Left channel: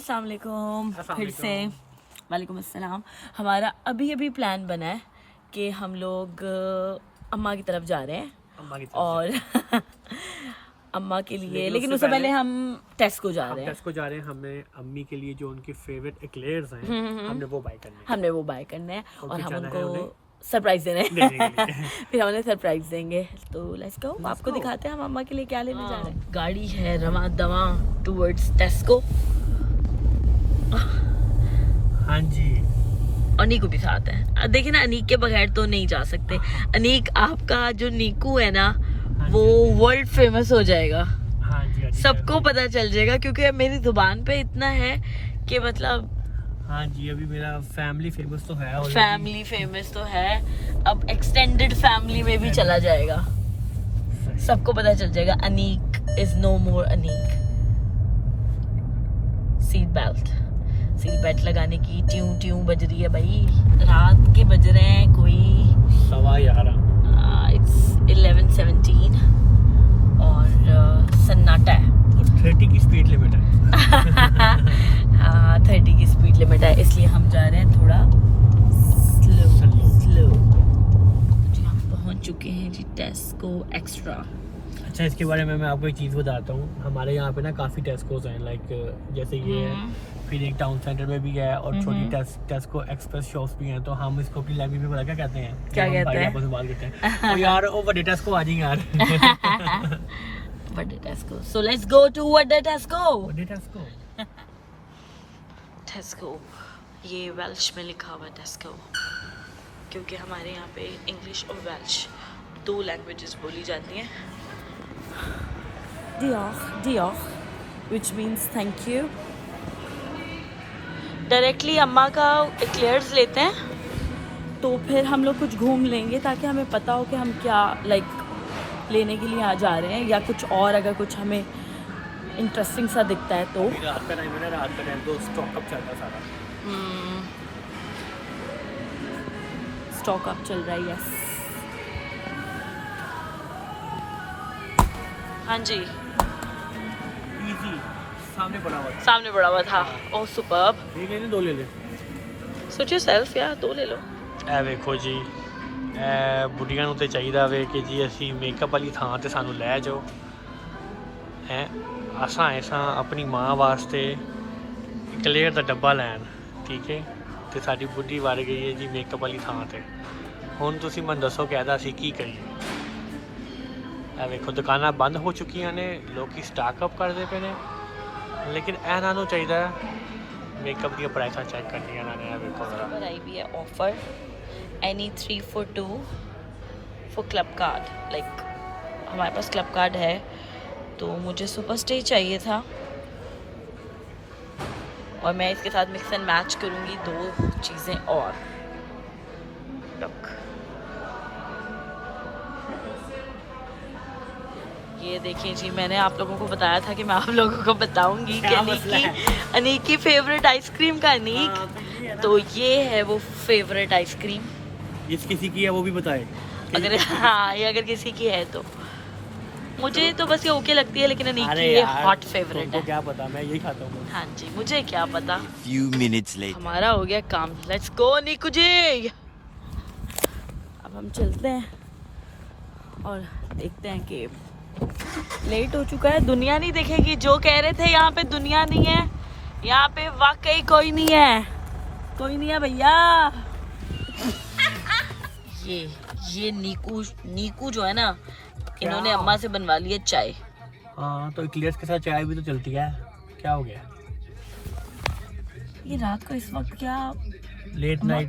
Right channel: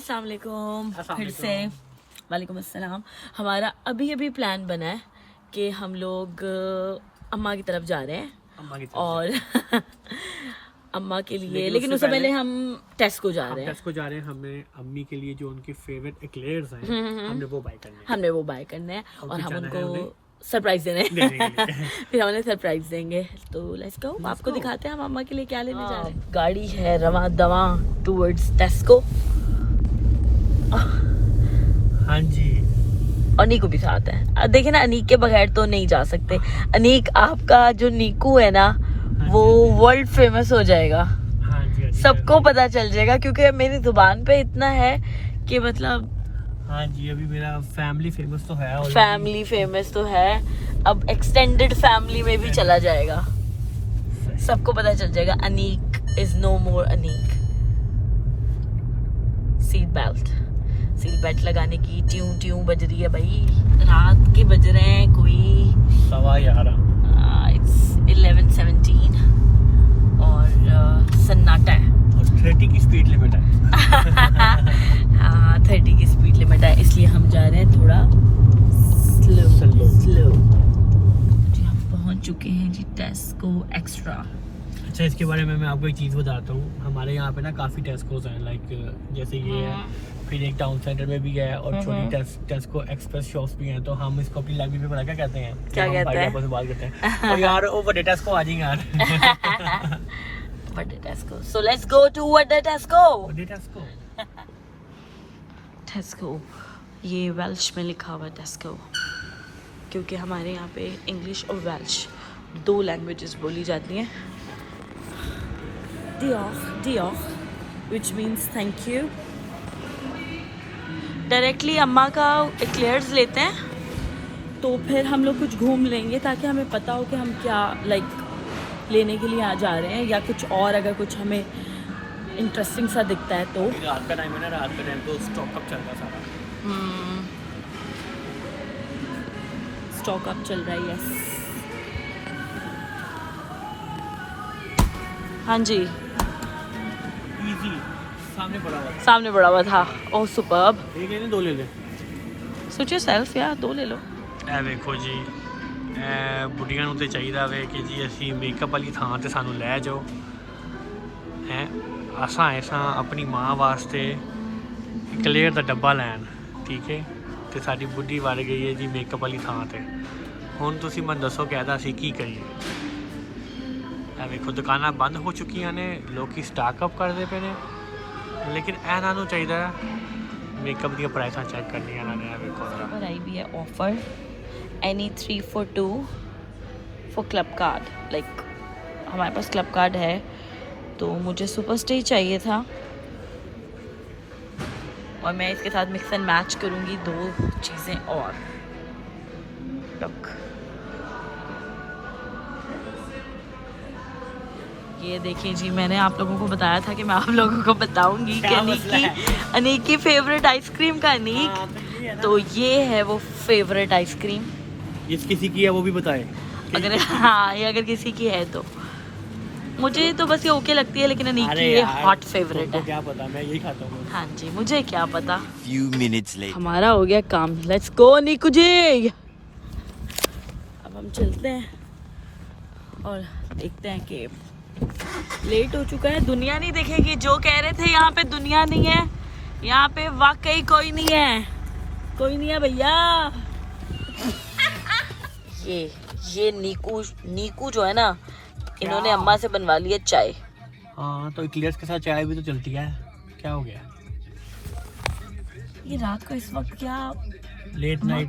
अस्सलाम वालेकुम। फिर से वालेकुम अस्सलाम। हमारा अभी प्लान बना है कि हम लोग अम्मा की तरफ जा रहे हैं और अम्मा के लिए, लेकिन उससे पहले हम टेस्को जा रहे हैं। हमें अम्मी के लिए जो उनके फेवरेट एक्लेयर्स हैं हमने वो बाय करने हैं और हम उनको सरप्राइज देने फिर हम उन्हें सरप्राइज देंगे। तो लेट्स गो, आपको दिखाते हैं हम अम्मा के लिए क्या लेने जा रहे हैं। गाड़ी है रवा दवा टूवर्ड्स टेस्को। हाँ जी, और नीकू भी साथ है। देखिए ना, अनीक के बगैर तो नहीं जा सकते। अनीक, आपका जो नीकू है ना वो वर्ल्ड फेमस हो जाएगा। हाँ जी, सबको पता चल जाएगा क्योंकि मेरी जुबान पे इतना है कि मतलब। हाँ जी, अभी मेरा फैमिली फेमस तो है। फैमिली फेमस तो है, अब एक्सटेंडेड फैमिली में भी चला जाएगा। सबको पता चल जाएगा Aneek is no more Aneek. Seat belt लगाने की ट्यूं बज रही है भाई। रात के बज रहे हैं कोई 11:15। इट्स 11:17 और सन्नाटा है। 30 की स्पीड लिमिट है। हाँ 30 की स्पीड लिमिट है, इसलिए हम जा रहे हैं थोड़ा स्लो। जी हम पहुंच चुके हैं जी टेस्को एक्स्ट्रा। अच्छा, इसके बारे में मैं आपको एक चीज़ बताता हूँ। हमारे यहाँ पे ना काफ़ी टेस्कोज हैं, लाइक जैसे ये है, फिर एक टाउन सेंटर में भी है और छोटी टेस्को एक्सप्रेस शॉप्स भी हैं। तो हम इसको अपनी लैंग्वेज में क्या कहते हैं? क्या कहते हैं? तो यार वो बड़े टेस्को आ जाएंगे यार। बड़े टेस्को। सो लेट्स गो टू बड़े टेस्को। टेस्को, ये वेल्श में लिखा हुआ है टेस्को, क्योंकि हमारे यहाँ पे इंग्लिश और वेल्श 2 लैंग्वेजेस बोली जाती हैं। दियोख which means thank you। Directly अम्मा का एक्लेयर्स लेते हैं तो फिर हम लोग कुछ घूम लेंगे ताकि हमें पता हो कि हम क्या लेने के लिए आ जा रहे हैं, या कुछ और अगर कुछ हमें इंटरेस्टिंग सा दिखता है तो। रात का टाइम है ना, रात का टाइम तो स्टॉक अप चल रहा है सारा। स्टॉक अप चल रहा है, यस। हाँ जी, इजी, सामने पड़ा हुआ था। ओह सुपर्ब। एक ले ले, 2 ले ले। सोच योरसेल्फ यार, 2 ले लो। ਇਹ ਵੇਖੋ ਜੀ, ਬੁੱਢੀਆਂ ਨੂੰ ਤੇ ਚਾਹੀਦਾ ਵੇ ਕਿ ਜੀ ਅਸੀਂ ਮੇਕਅਪ ਵਾਲੀ ਥਾਂ ਤੇ ਸਾਨੂੰ ਲੈ ਜਾਓ ਹੈ। ਅਸਾਂ ਆਪਣੀ ਮਾਂ ਵਾਸਤੇ ਕਲੀਅਰ ਦਾ ਡੱਬਾ ਲੈਣ, ਠੀਕ ਹੈ, ਤੇ ਸਾਡੀ ਬੁੱਢੀ ਵਰ ਗਈ ਹੈ ਜੀ ਮੇਕਅਪ ਵਾਲੀ ਥਾਂ ਤੇ। ਹੁਣ ਤੁਸੀਂ ਮੈਨੂੰ ਦੱਸੋ ਕਿ ਇਹਦਾ ਅਸੀਂ ਕੀ ਕਰੀਏ? ਇਹ ਵੇਖੋ ਦੁਕਾਨਾਂ ਬੰਦ ਹੋ ਚੁੱਕੀਆਂ ਨੇ, ਲੋਕੀ ਸਟਾਕ ਅਪ ਕਰਦੇ ਪਏ ਨੇ, ਲੇਕਿਨ ਇਹਨਾਂ ਨੂੰ ਚਾਹੀਦਾ मेकअप दी प्राइसा चेक करनी है ना। देखो जरा पर आई भी है offer any 3 for 2 for club card. Like हमारे पास क्लब कार्ड है तो मुझे सुपर स्टे चाहिए था और मैं इसके साथ मिक्स एंड मैच करूँगी 2 चीज़ें और। लुक, ये देखिए जी, मैंने आप लोगों को बताया था कि मैं आप लोगों को बताऊंगी कि अनीक की फेवरेट आइसक्रीम का अनीक। तो ये है वो फेवरेट आइसक्रीम। ये किसी की है वो भी बताए अगर हाँ, ये अगर किसी की है तो। मुझे तो बस ये ओके लगती है, लेकिन अनीक की ये हॉट फेवरेट है। क्या पता, मैं यही खाता हूँ। हाँ जी, मुझे क्या पता। Few minutes later. हमारा हो गया काम, लेट्स गो नीकू जी। अब हम चलते हैं और देखते हैं कि लेट हो चुका है। दुनिया नहीं दिखेगी, जो कह रहे थे यहाँ पे दुनिया नहीं है, यहाँ पे वाकई कोई नहीं है भैया। ये नीकू जो है ना, इन्होंने अम्मा से बनवा लिया चाय। हाँ, तो इक्लेयर्स के साथ चाय भी तो चलती है। क्या हो गया? ये रात को इस वक्त क्या लेट नाइट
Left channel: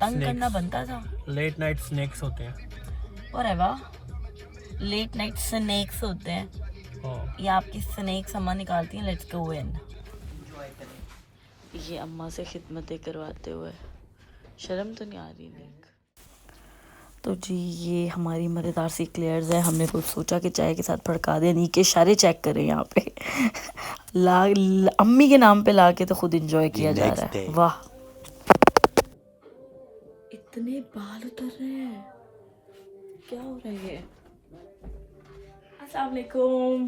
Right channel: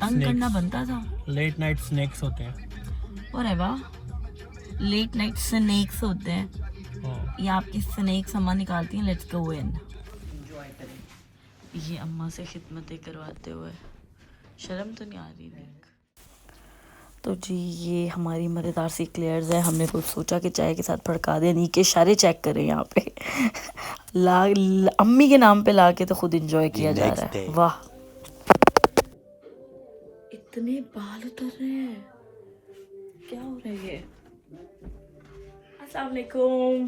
तंग करना बनता था। लेट नाइट स्नैक्स होते हैं। और लेट नाइट स्नैक्स होते हैं। ये आपकी स्नैक्स अम्मा निकालती हैं। लेट्स गो इन। ये अम्मा से खिदमतें करवाते हुए शर्म तो नहीं आ रही? तो जी ये हमारी मज़ेदार सी क्लेयर्स है। हमने कुछ सोचा कि चाय के साथ फड़का दे। नी के इशारे चेक करें यहाँ पे। अम्मी के नाम पे ला के तो खुद एंजॉय किया जा रहा है। वाह, इतने बाल उतर रहे हैं, क्या हो रहा है ये? अस्सलाम वालेकुम।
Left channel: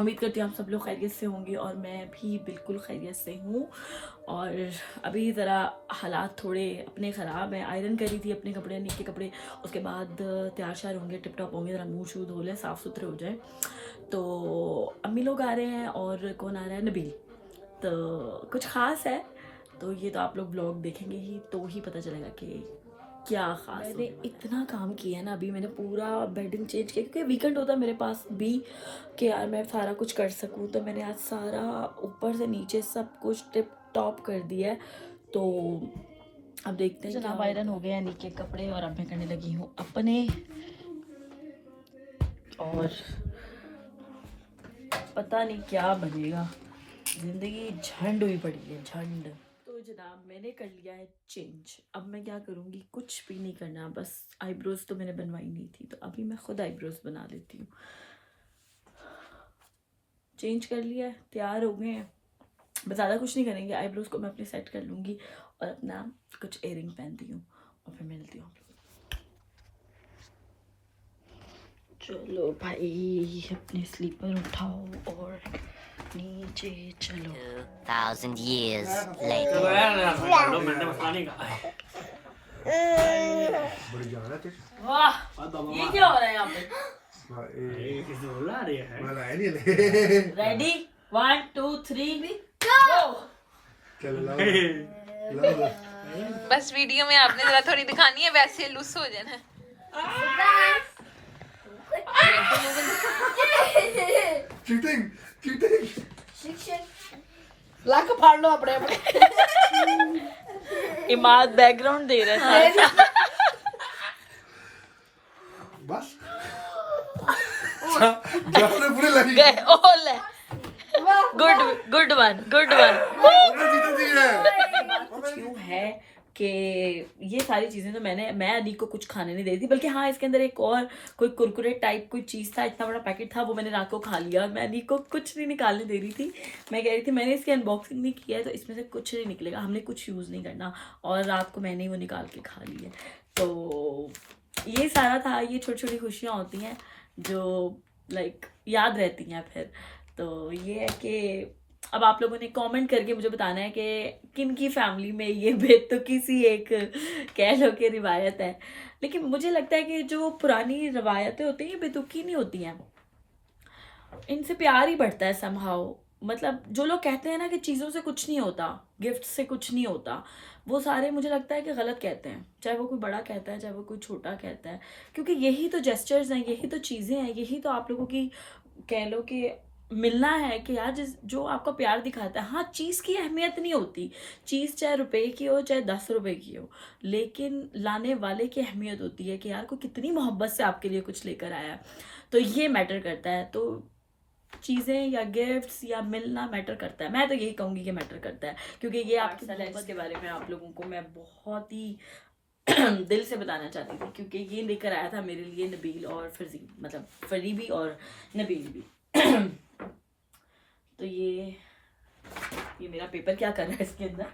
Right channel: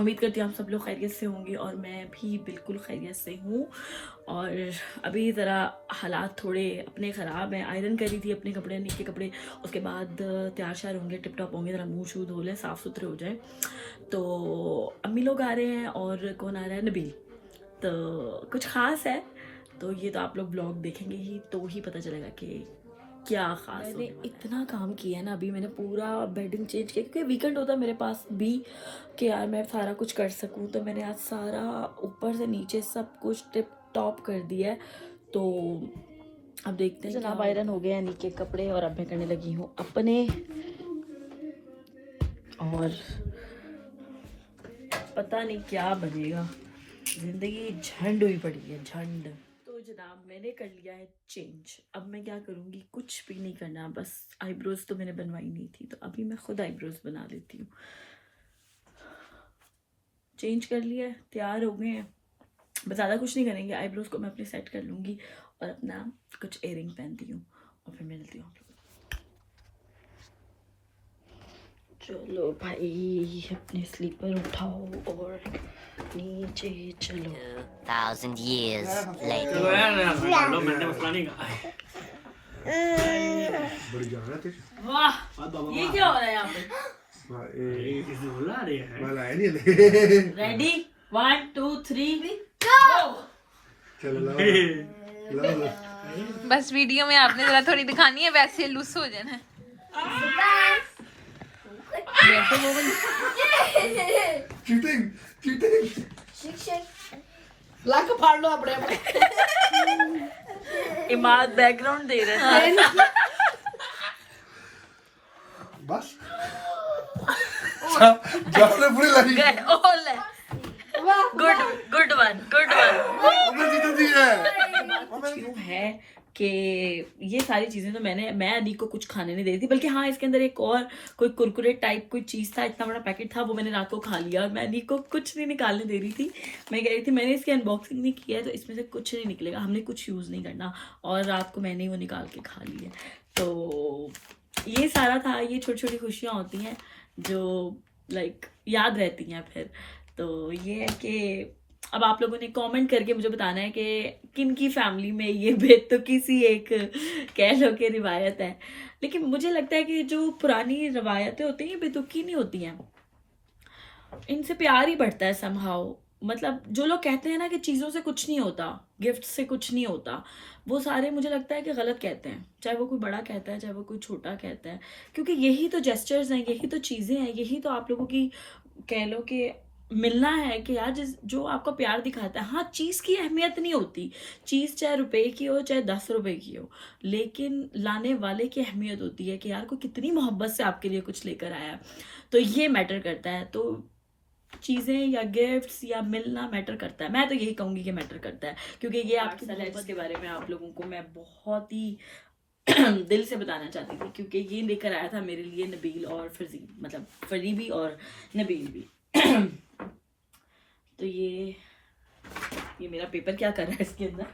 उम्मीद करती हूँ आप सब लोग खैरियत से होंगे और मैं भी बिल्कुल खैरियत से हूँ। और अभी ज़रा हालात थोड़े अपने ख़राब हैं। आयरन करी थी अपने कपड़े, नीचे कपड़े, उसके बाद तैयार शार होंगे, टिप टॉप होंगे, ज़रा मुँह शूँ धो लें, साफ़ सुथरे हो जाए। तो अम्मी लोग आ रहे हैं और कौन आ रहा है, नबील। तो कुछ ख़ास है, तो ये तो आप लोग ब्लॉग देखेंगे ही तो ही पता चलेगा कि क्या खास। मैंने इतना काम किया है ना, अभी मैंने पूरा बेडिंग चेंज किया क्योंकि वीकेंड होता है मेरे पास भी कि यार मैं सारा कुछ कर सकूं। तो मैंने आज सारा ऊपर से नीचे सब कुछ टिप टॉप कर दिया है। तो अब देखते हैं जनाब आयरन हो गया नीचे कपड़े और अब मैं करने लगी हूँ अपने। और पता नहीं क्या बनेगा, जिंदगी झंड हुई पड़ी है, झंड। तो जनाब मैंने कर लिया है चेंज। अब मैं क्या करूँगी, कुछ भी नहीं करना, बस आईब्रोज तो मैंने बनवाई नहीं थी तो अभी मैं खुद आईब्रोज बना लेती हूँ। चेंज कर लिया है, तैयार हो गए हैं, बस ज़्यादा कुछ नहीं करेंगे। आईब्रोज को मैं अपने सेट कर लूँगी और अपना कुछ इयरिंग पहनती हूँ और फिर मिलती हूँ। चलो भाई अपने स्लीपर उठाओ और नीचे चलो। 2,000 years later. बड़ी जान है तेरी। वाह, ये क्या हो रहा है यहाँ पे? वाला है नहीं। रेडी 1 2 3 गो। चलो लाओ। बस वीडियो में आपने जरा थोड़ी दिखानी है, वैसे लूस हो जाना है। Cheating cheating. लाख फाड़ लो अपने इमाद बैकग्राउंड दे रहा है। बस जाने पूरी लगी। Good one good one. जीत दी है। क्यों है कि ये सारी चीज़ें तो मैं अली को कुछ खाने नहीं दे रही थी, बल्कि हाँ इसके अंदर एक और कोई कुरकुरे टाइप कोई चीज़ था, इतना बड़ा पैकेट था, वो मैंने रात को खा लिया और मैं अली को कुछ नहीं निकालने दे रही थी। मैं कह रही थी मैंने इसकी अनबॉक्सिंग नहीं किया है तो इसमें से कुछ नहीं निकलेगा, हमने कुछ यूज़ नहीं करना, और रात को मैंने ही वो निकाल के खा ली है। तो ये सारा था, ये छोटी छोटी खुशियाँ होती हैं जो लाइक याद रहती हैं फिर। तो ये है कि अब आप लोगों ने कमेंट करके मुझे बताना है कि किन की फैमिली में ये बेतुकी सी एक कह लो कि रिवायत है। लेकिन मुझे लगता है कि जो पुरानी रवायतें होती हैं ये बेतुकी नहीं होती हैं, इनसे प्यार ही बढ़ता है समहाउ। मतलब जो लोग कहते हैं ना कि चीज़ों से कुछ नहीं होता, गिफ्ट से कुछ नहीं होता, वो सारे मुझे लगता है कि गलत कहते हैं, चाहे वो कोई बड़ा कहता है चाहे वो कोई छोटा कहता है, क्योंकि यही तो जेस्चर्स हैं, यही तो चीज़ें हैं, यही तो आप लोगों की कह लो कि मिलना है कि यार जो आपका प्यार दिखाता है। हाँ चीज़ की अहमियत नहीं होती, चीज़ चाहे रुपए की हो चाहे 10 रुपए की हो, लेकिन लाने वाले की अहमियत होती है कि यार कोई कितनी मोहब्बत से आपके लिए कुछ लेकर आया, तो ये मैटर करता है। तो चीज़ें या गिफ्ट्स या मिलना मैटर करता है, मैं तो यही कहूँगी कि मैटर करता है, क्योंकि ये आपकी मोहब्बत के बारे में आप लोगों को मैं बहुत ही दिल से बताना चाहती थी, क्योंकि ये लेकर आया था मेरे लिए नबील और फरजी, मतलब फरी भी और नबील भी। तो ये मेरा पेपर क्या कर रहा है इसके अंदर।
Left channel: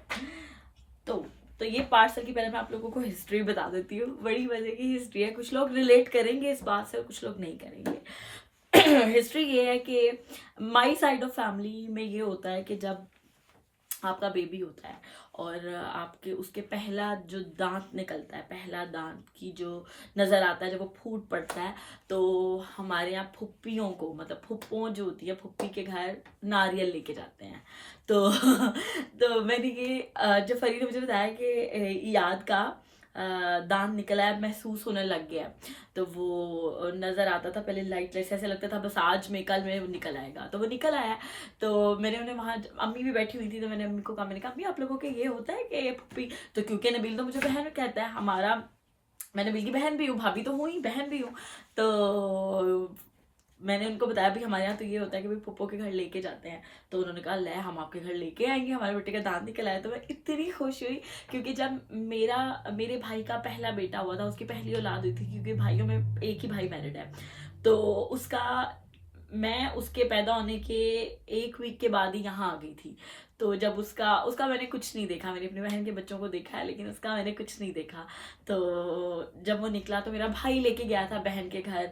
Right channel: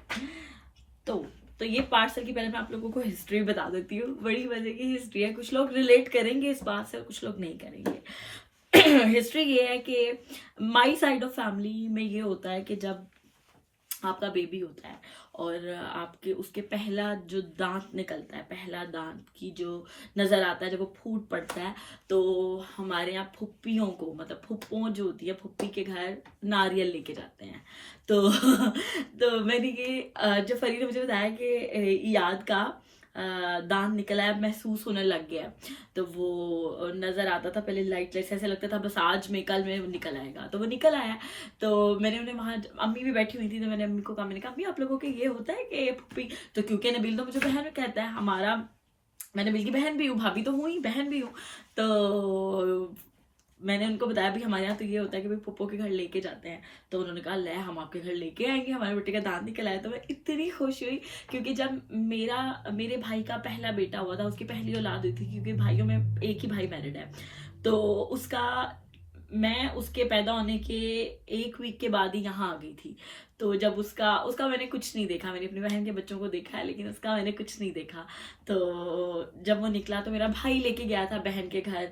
तो ये पार्सल की पहले मैं आप लोगों को हिस्ट्री बता देती हूँ, बड़ी मजे की हिस्ट्री है, कुछ लोग रिलेट करेंगे इस बात से और कुछ लोग नहीं करेंगे। हिस्ट्री ये है कि माई साइड ऑफ फैमिली में ये होता है कि जब आपका बेबी होता है और आपके उसके पहला जो दांत निकलता है, पहला दांत की जो नज़र आता है जब वो फूट पड़ता है, तो हमारे यहाँ फुप्पियों को, मतलब फुप्पों जो होती है, फुप्पी के घर नारियल लेके जाते हैं। तो मैंने ये जो फरी ने मुझे बताया कि याद का दांत निकला है, महसूस होने लग गया, तो वो नज़र आता था पहले लाइट लाइट, ऐसे लगता था बस आज में कल में वो निकल आएगा, तो वो निकल आया। तो मैंने उन्हें वहाँ, अम्मी भी बैठी हुई थी, तो मैंने अम्मी को कहा, मैंने कहा अम्मी आप लोगों के ये होता है कि पुप्पी, तो क्योंकि नबील तो मुझे बहन कहता है, हमारा मैं नबील की बहन भी हूँ, भाभी तो हूँ ही, बहन भी हूँ, तो मैंने उनको बताया भी हमारे यहाँ तो ये होता है कि भाई पुप्पो के घर लेके जाते हैं। तो उन्होंने कहा ले हम आपके घर लेके आएंगे, हमारे बेटे का दांत निकल आया। तो मैं इतनी खुश हुई, क्योंकि जब मेरे भाई का पहला बेटा हुआ था, उसकी पहली औलाद हुई थी, क्योंकि भाइयों में एक ही भाई मैरिड है, तो मैं उसके पैदा होने के 1 वीक के बाद ही यहाँ आ गई थी। तो जब उसका मैंने कुछ नहीं देखा, मैंने अपनी बहन के बच्चों को देखा है लेकिन उसका मैंने कुछ नहीं देखा। तो जब वो निकला तो मेरा भाई लेके गया था बहन के घर,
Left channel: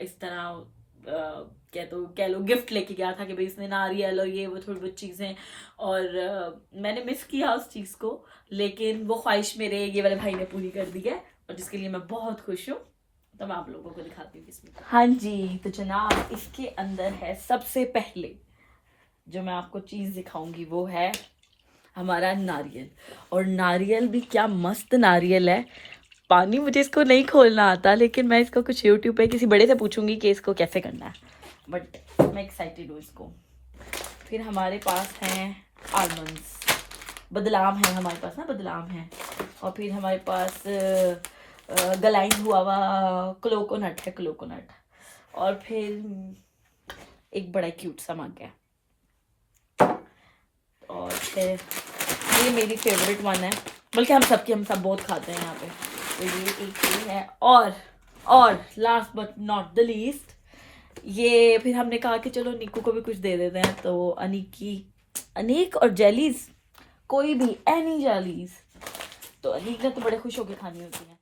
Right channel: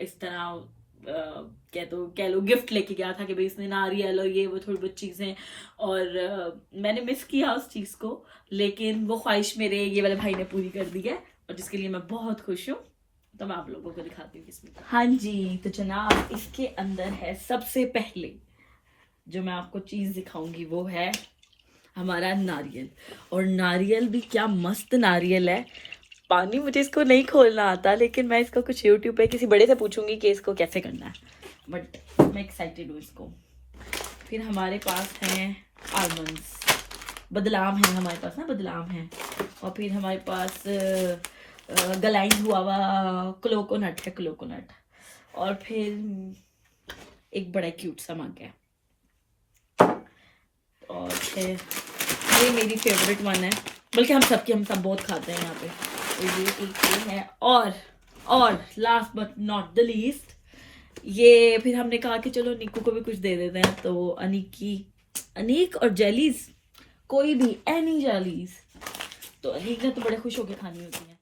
इस तरह कह लो गिफ्ट लेके गया था कि भाई इसने नारियल और ये वो थोड़ी बहुत चीज़ें, और मैंने मिस किया उस चीज़ को, लेकिन वो ख्वाहिश मेरे ये वाले भाई ने पूरी कर दी है और जिसके लिए मैं बहुत खुश हूँ। तो मैं आप लोगों को दिखाती हूँ किसमें। हाँ जी, तो जनाब इसके अंदर है सबसे पहले जो मैं आपको चीज़ दिखाऊंगी वो है हमारा नारियल। और नारियल भी क्या मस्त नारियल है। पानी मुझे इसको नहीं खोलना आता, लेकिन मैं इसको कुछ यूट्यूब पे किसी बड़े से पूछूंगी कि इसको कैसे करना है, बट मैं एक्साइटेड हूँ इसको। फिर हमारे पास हैं आलमंड्स, बदलाम है हमारे पास ना, बदलाम है। और फिर हमारे पास ग्लाइंड हुआ हुआ कोकोनट है, कोकोनट। और फिर एक बड़ा क्यूट सा मग है। और फिर ये मेरी फेवरेट वन है, बल्कि हम सब बहुत खाते हैं यहाँ पे। तो ये एक ये है। और last but not the least, ये फिर हमने कहा कि चलो निक्कू को भी कुछ दे देते हैं, तो अनीक और जेलीज, कोई भी एनी जेलीज, तो अनीक ने तो बड़े खुश होकर खानी होती हैं।